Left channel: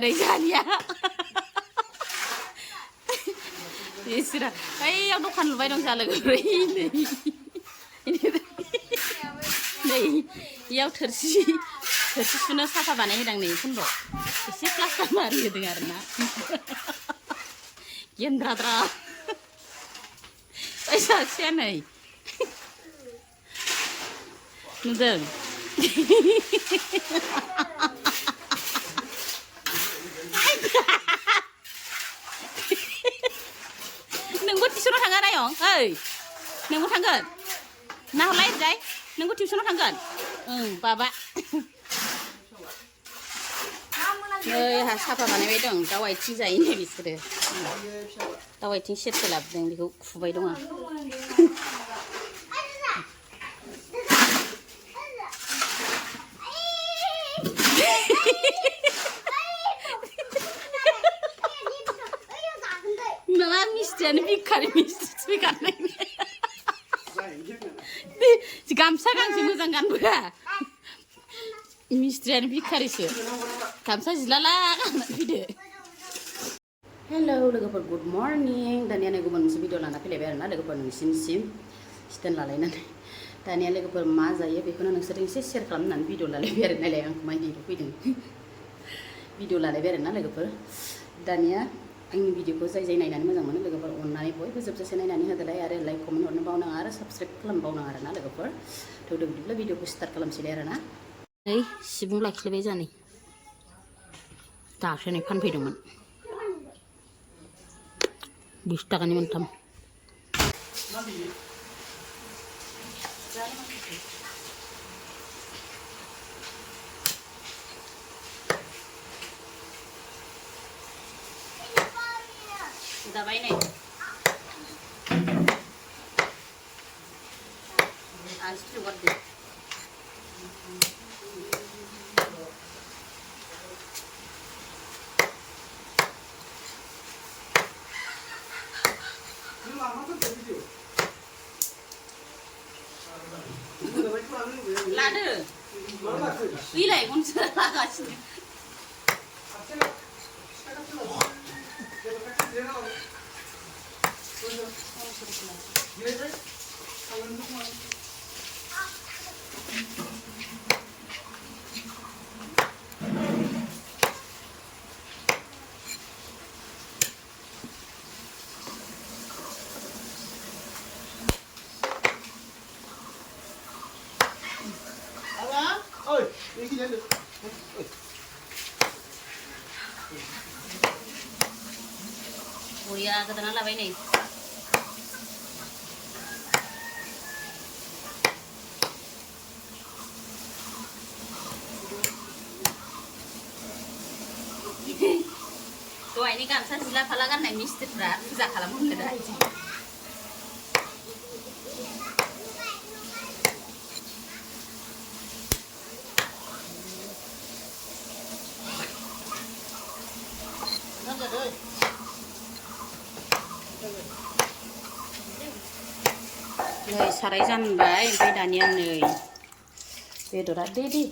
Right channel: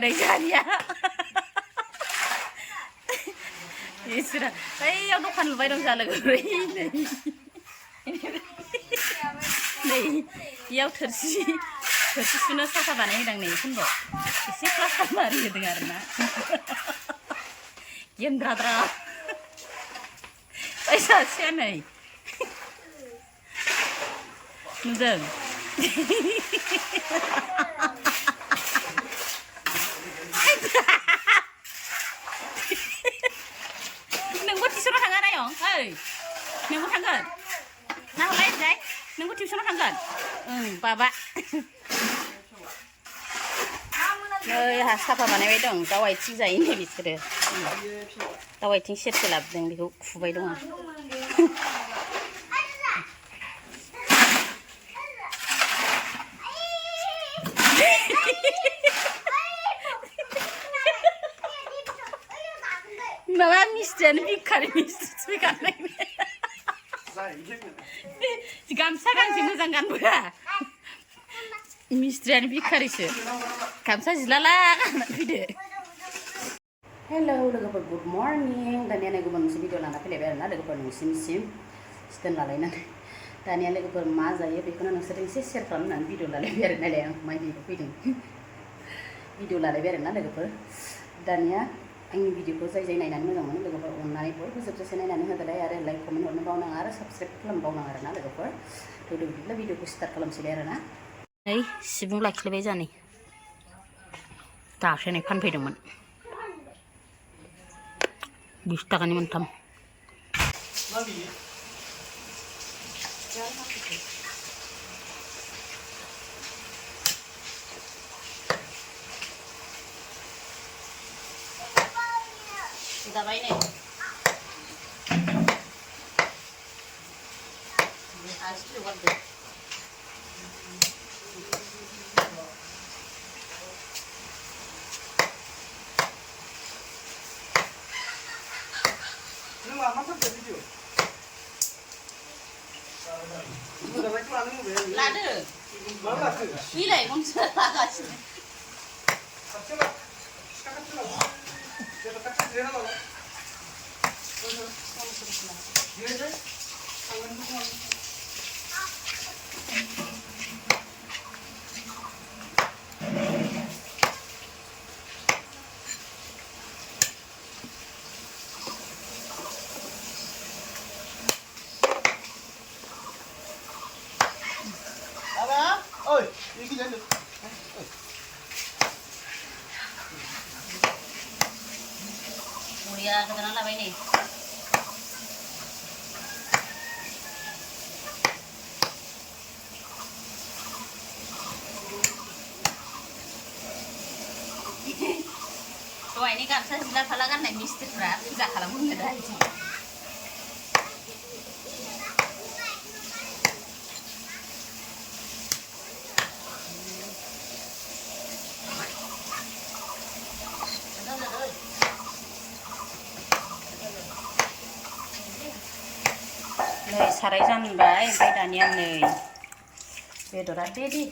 आरो जानिया इसोरा ओइयाव दखान लुबाय दं जा लोगोफोर नै इयाव थोरसि सुनो साफा बानायहोदों नै फन्द्र एसे प्लास्टार मारि होदों आरोना गेन्द्राद्रा ओइ सासेया नै नुदों नोंबो टिउसनाव थाङा नायं ओइ नोंबो थांगोन ना हरलाय जाय नोंबो टिउसनाव थांगोन ओं बाबा नै आहा साफा बानायबाय दं दाउ आथिं जायो नै बिसोरो दाउ आथिं सेरसे लाबोदों बेखौ खुबाय दं आं माबा मिस्ट्रियानो भिखारि मिस्ट्रि गाननाय गामसा गांसे मोजां गानबोआ मिस्ट्रियानो भिखारिसो गामसा जिलाला गाननानै फैदो हेलौ लोगोफोर गुड मर्निं दानिया नै गुबुन मोनसे भिडिअ लाना फैलायबाय आरोना लोगोफोर नोंसिनिसिम स्टेन्ड लालायनानै दानिया लोगोफोर मा जायो बेखौनो नोंसोरजों एसे शेयार खालामनानै भिडिअ लालायबाय आरो नायलाय आं माइ दैल' फैदों भिडिअ लालायबाय आरोना लोगोफोर दानिया आंनि भिडिअखौ जाय नायनानै मोजां मोनो लोगोफोर अननानै बयबो जोबजासे नायनानै होदोलाय आरो लाइक कमेन्ट हरनो बावनाङा आरो साबस्क्राइब खालामनो बावनाङा आरोना लोगोफोर थ' बिदिब्ला भिडिअखौ स्टार्ट खालामसैलाय आरोना नै सिबुं लाखिलायबाय जानै दासो नै फानफैदोंमोन 20 थाखानि मोनथाम जाबाय नै आसि जगारदो लादो बिलाइ खनसे लागासिनो Buria Gwdan labaय नै दहायनि गामसा जिला फाला गाननाय मिस्ट्रिफ्रा फुजा खालामनो दा इदि नै साराय जानबाय ओमफ्राय दानिया नै बेदरा रेडि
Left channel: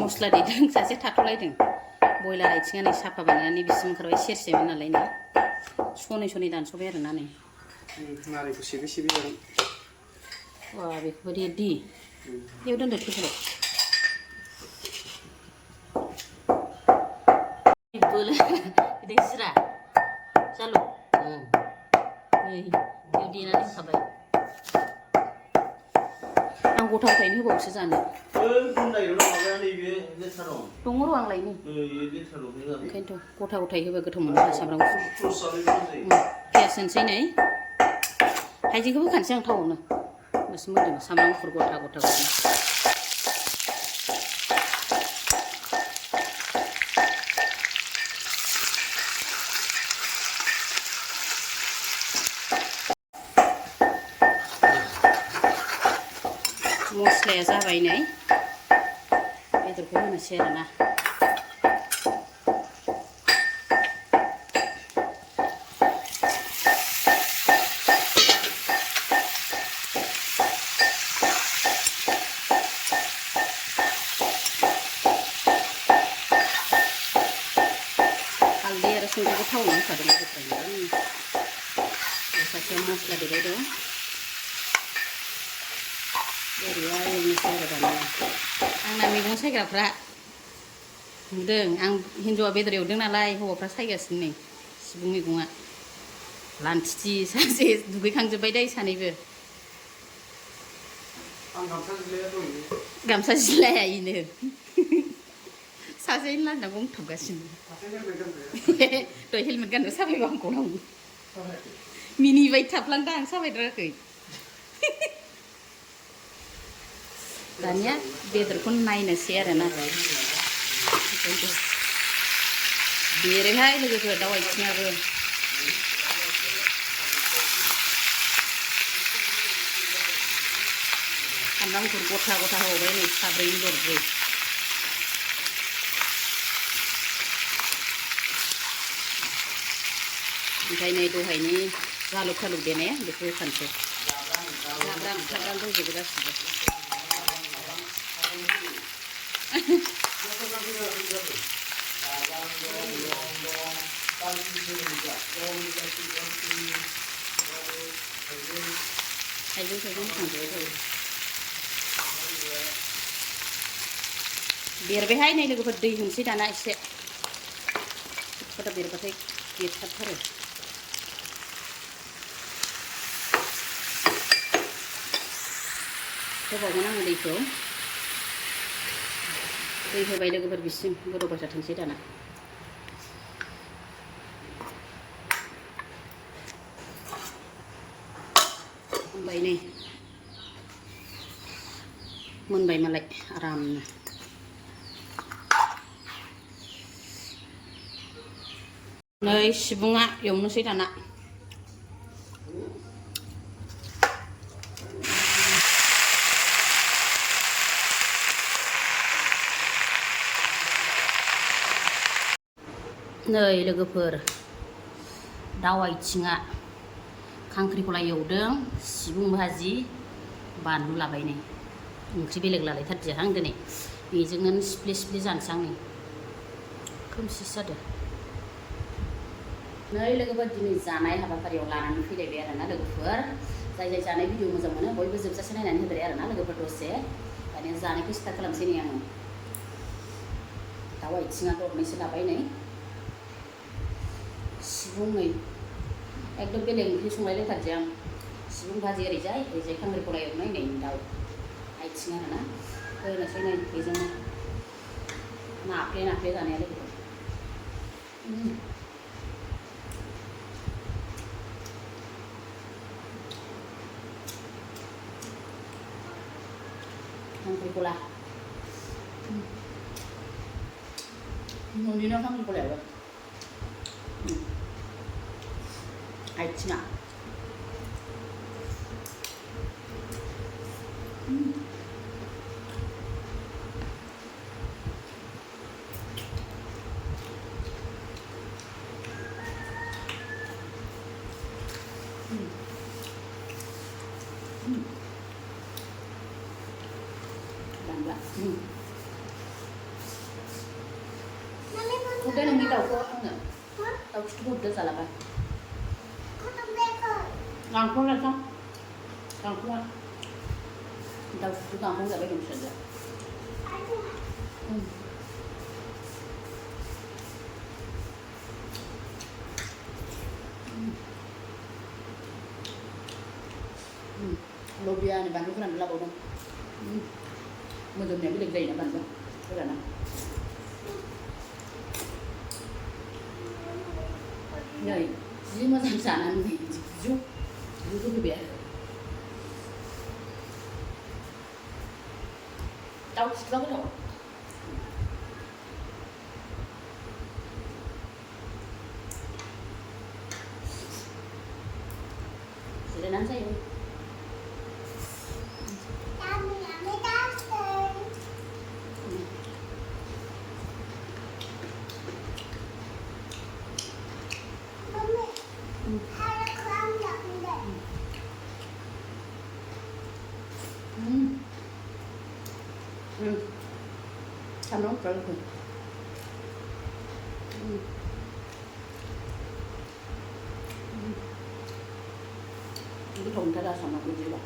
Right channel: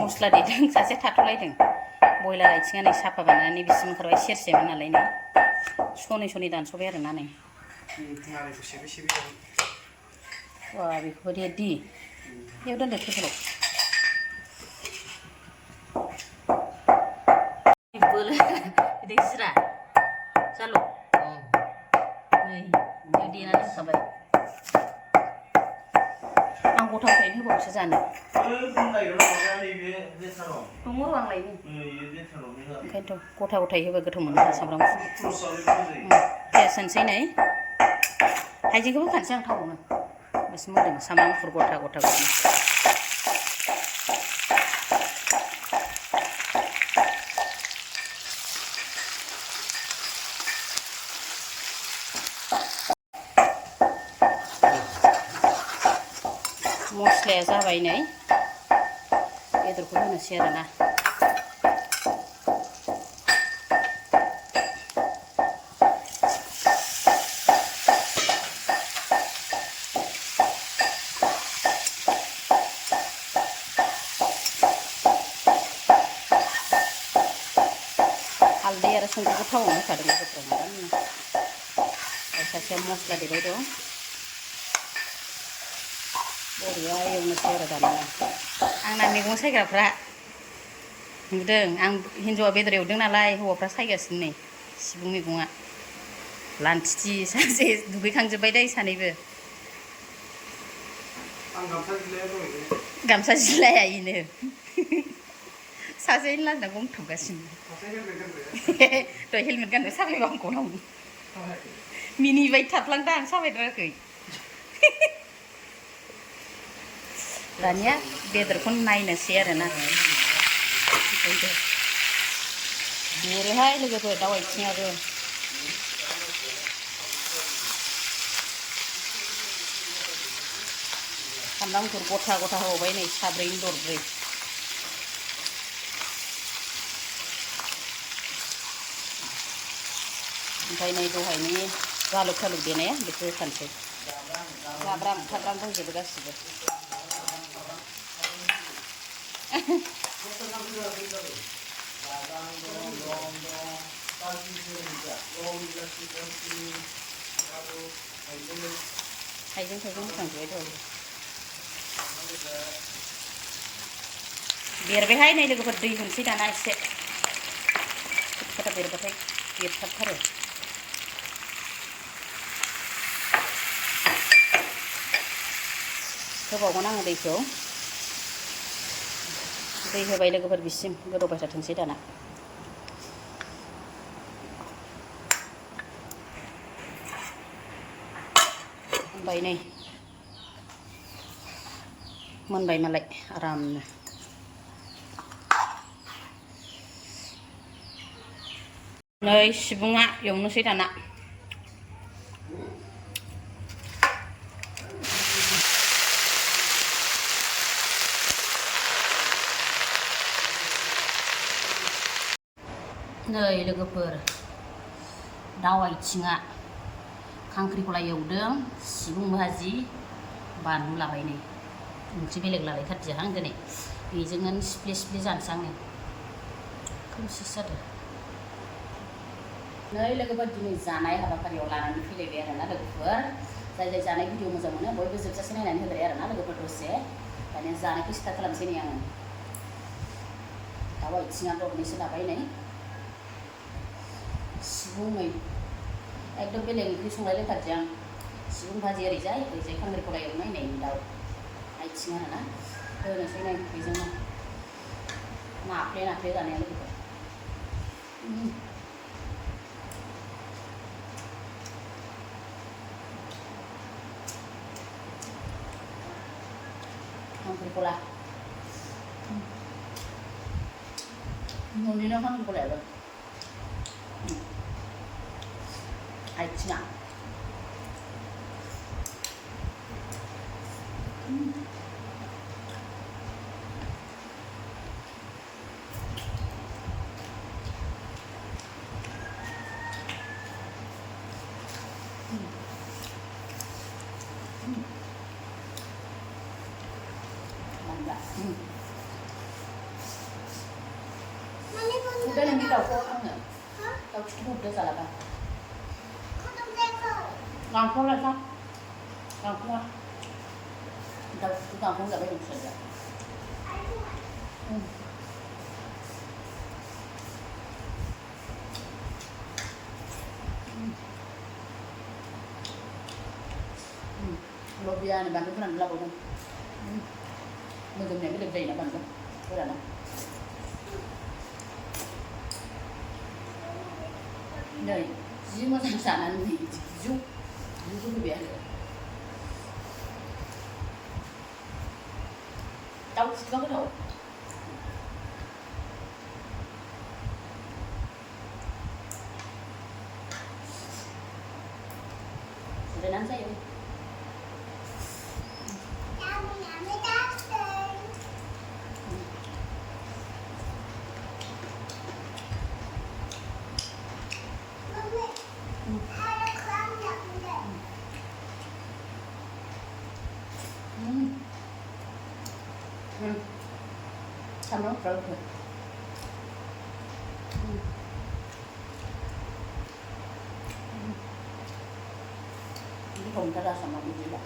मस्ला देदों सासे थाथ'लायदों बयलार आथिङा नै साफा बानायनानै बिसिम ओंखारबाय सेरसेमोन नालाय नै सनै दानस'बाय आरोना नै वा बेखौबो रेडि बेयाव दोनदो टेबोलाव बोलो बिदि जिरा जालु नै बेयाव देनानै दोनखाबाय आं गथावखायनो होबावसो जानो दङ र' आं लायनि ओंखायनोथ' गथा गथायै होबा गोथाव मोनो सामब्राम पियास होनोसै नै हाइजेंखौबो होखानोसै आं थावआवनो होमबासो मोदोमो सामब्राम गुफुर गथा गथा मस्लाया जाबाय नै बेदरखौ होनोसै आरोना संख्रिखौ थावआव होखादों लोगोफोरा आरामनो सासेया मस्ला देबाय दं बरिया एवनोसै आरो दानिया आंना मैगं सायग्राफ्रा नुदों आं हिन्जावा बेदर एवदों नालाय हौवाफ्रा सायगासिनो नै सिबुं मैगङा लान्थिथि सासे दुगैखांजोब्बाय दै सानैबो गामसा जिलाया इनो सासेनि लान्दां गंथाबगासिनो दहाय हेलमेट गाननो साफायबा आं गनाव मिनिबाय थाफ्लांदों आं साफायद्रायाखै दानिया बेदरखौ नायनोसै आरोना बेरोहाय लोगोफोर दाउ आथिङाबो सामब्राम गुफुर गथा गथा होबाय नै साब्रैनि दरब्रै ओमफ्राय नै दहायनि जालुक थालुक देनाया बेखौ होखानोसै जाब्रां थाब्रां दंजोबो गासिबो हाइजें थाइजें होखांजोबबाय दहाय बेरबायहाय नै लोगोफोर दै होनोसै दाना एसे खोथा बेरबाथाय बेरथाबथारो होबावगोन आङो दैखौ दै होबाय लोगोफोर बिसिम गोदौबाय थाथोंसै दाना मोनबाय नै मोनबाय मालाय आरामनो नै सिबुङा एवनोसै दाना नै लोगोफोर दाउ आथिङा खांख्रिखला एवदों सिबुं भाजि बानलु लाबाय नै ओंख्रि बेलेग लालायथारदिया आं दिनै बेजोंनो सिफ्ले सिफ्ले जानोसै आं नै खोमसिसो जादों नै लोगोफोर दिनै जानाय हाबाफारियाव लानानै फैलायबाय आरोना लोगोफोर जाय जाय जानाय भिडिअ मोजां मोनो बयबो जोबजासे नायनानै होबाय आरोना लोगोफोर दसे दानिया जानायखौ स्टार्ट खालामसै नै आङो दाउ आथिङा दरनैसो लाबाय नै सिबुं नै एकदम बेलेग ओंख्रि संलायलायथारदों आं सिबुं भाजि ओरैजाय खांख्रिखला एवनाय नै दाउ आथिं आरोना होनोसै नै बेजोंनो नाफ्ले नाफ्ले जानाया लोगोफोर खांख्रिखला न'निनो खांख्रिखलायाबो आथिङा udah nang daw ko ang daw ko udah salah ba ngangkong lah kan ngangkong daw ko ngangkong gak baik saja lobia này bạn cũng làm lâu rồi bây giờ này biết được gì nữa bạn cơ cái là nó này chỉ mà sản sản ăn gì giúp cái bé đau cái đầu để nắn dây không Xong nó rồi गोथाव मोनथारा sama बिदिबा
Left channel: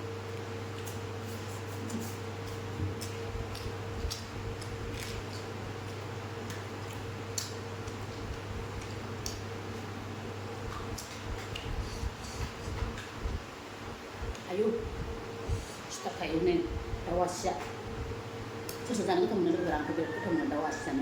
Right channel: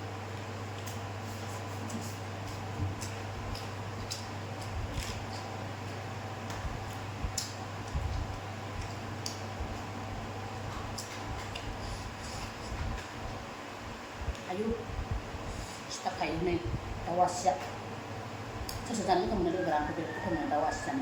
ayo setiap kayak ini dawa siap sesuatu itu menurut orang itu menurut dawa siap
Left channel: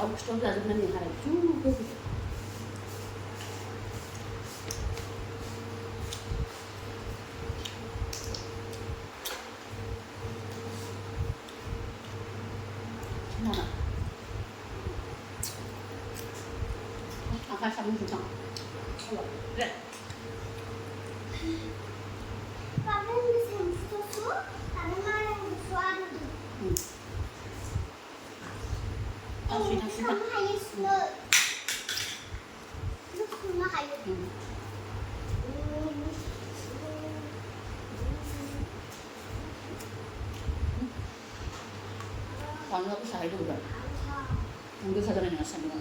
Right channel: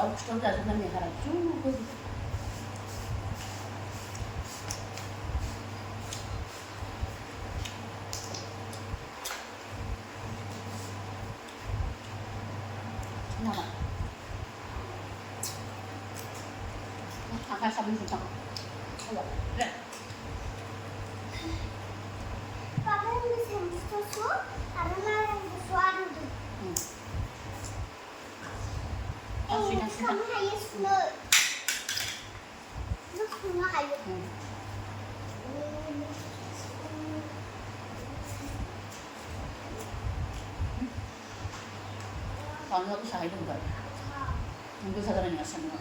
tahu sudah zamannya hari juga kenapa angkat sama sentang coba lihat Sudah. Kalau aku sahih dulu kan, mungkin saya dengan sama.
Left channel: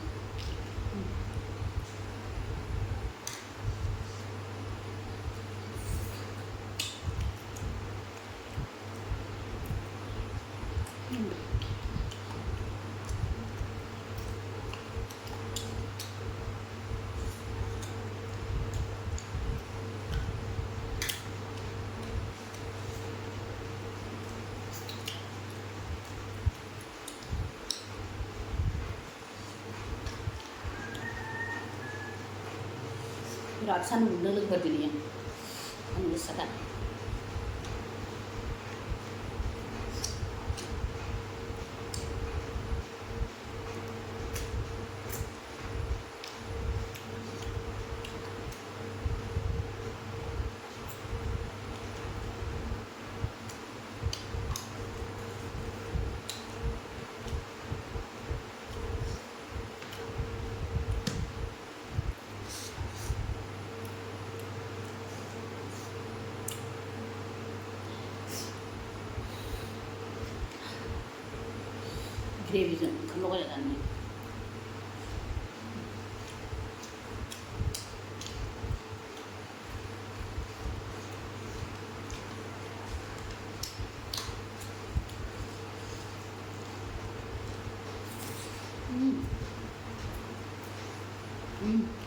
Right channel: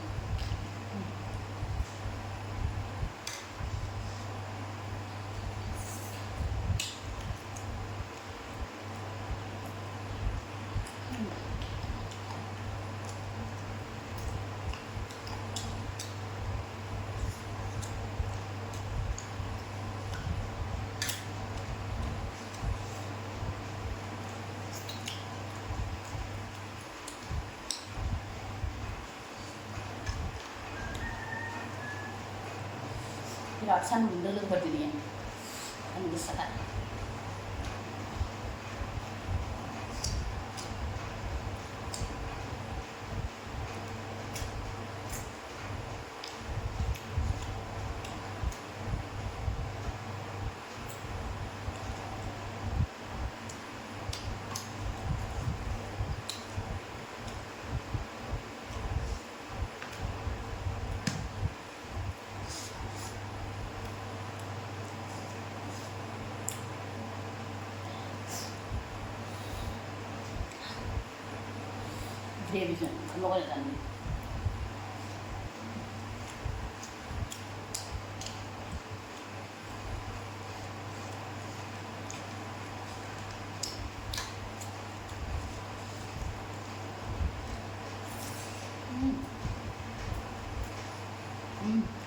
Ratusan bunda lu berdiri ya, kan bisa kan? Gravy 좀 먹어야 되네.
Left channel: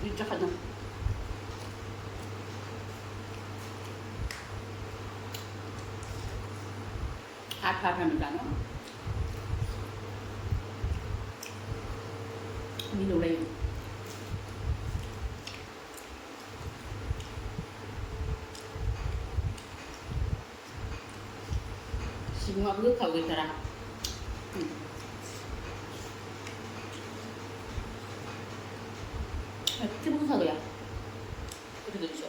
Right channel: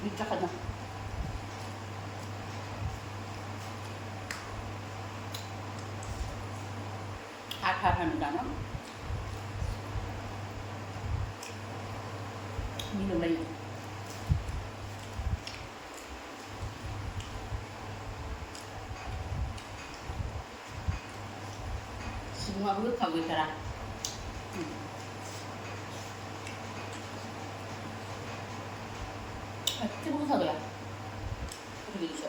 일적하다. 하는 거잖아. minum lagi. Semua Gwthao cara. Itu Gwthao ya? Itu gitu.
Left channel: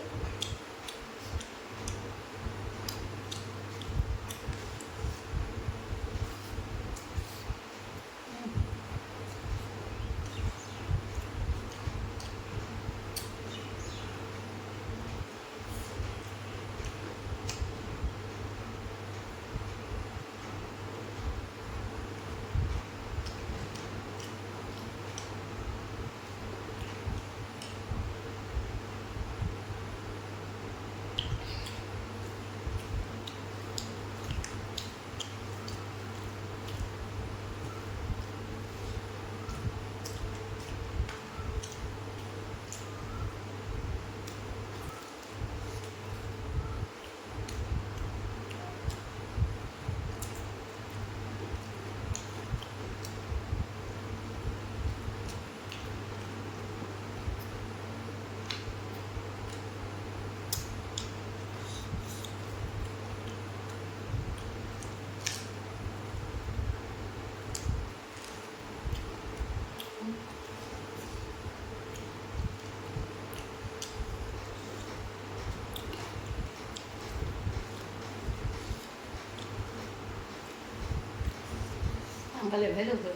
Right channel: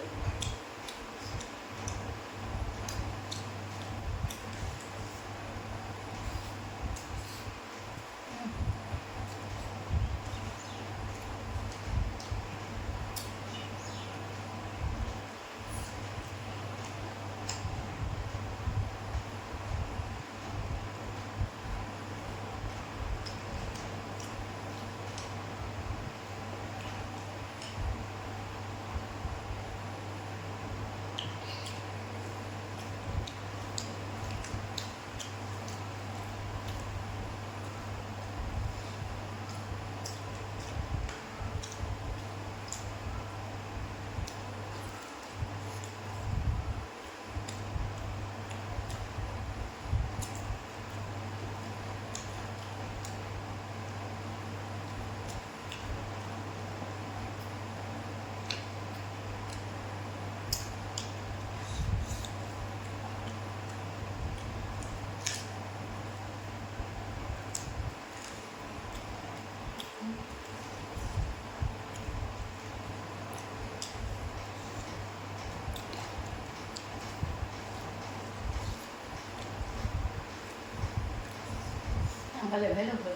Ăn cái liều thấy được rồi.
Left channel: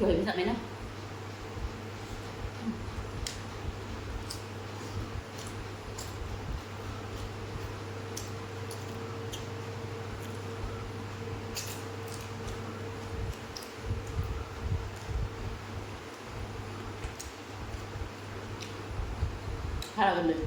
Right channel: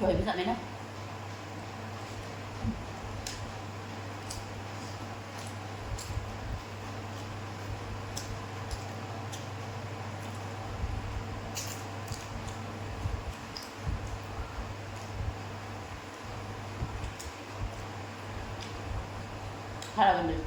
Rồi bây giờ mấy nó. Khá là gần được.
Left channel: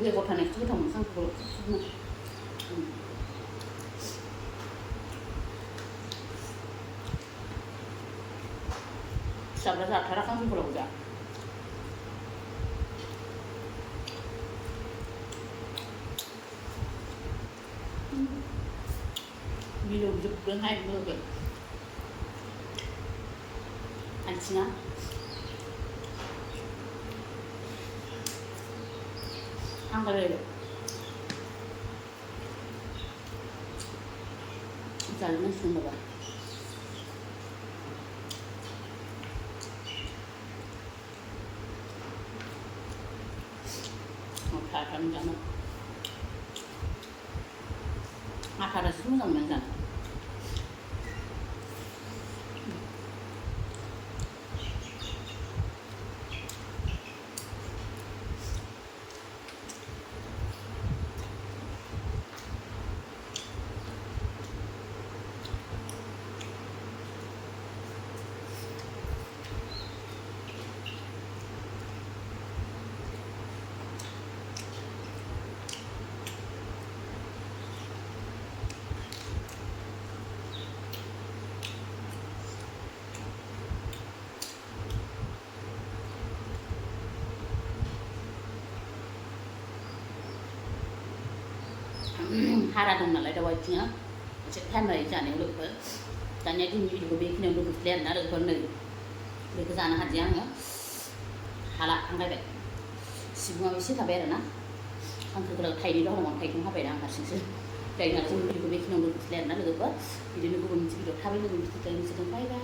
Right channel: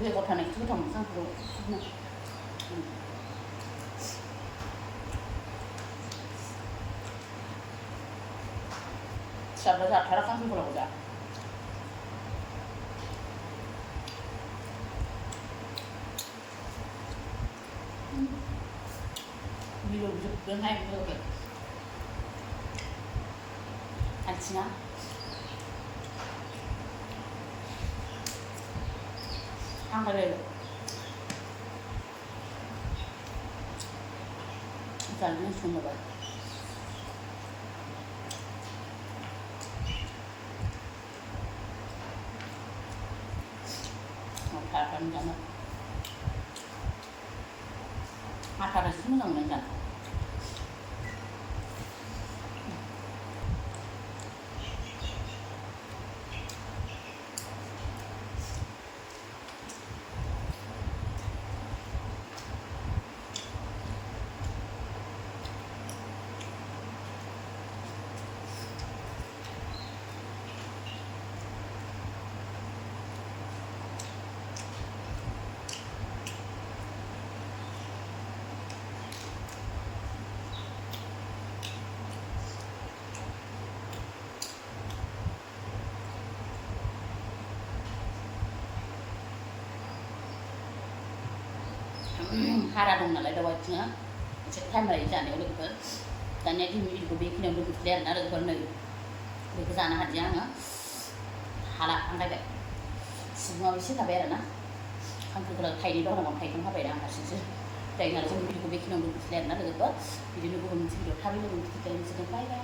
Việc của thằng này cứ thòng sang phụ này. Sabda ra thara kan phụ là video chụp đến hay nữa vậy. Anh xin á. Ăn cái này được. Giờ nó xin rồi. Kan jangan. Akar semua jangan jangan. Hara dong nalai DaO AaiThinG á, sẽ tham lại trả nếu được với, tại nhà đi video của biết nếu được lên đã được phần này, được cái giá hạt giang á, hala ăn cái vậy, SiBunG sẽ thà bé rồi nè, ăn cái thay đi đó là món thay không phải đang hạt xíu, tại nhà cũng video của biết nếu được lên đã được với, video của mình sẽ được tham với mình sẽ bye bye.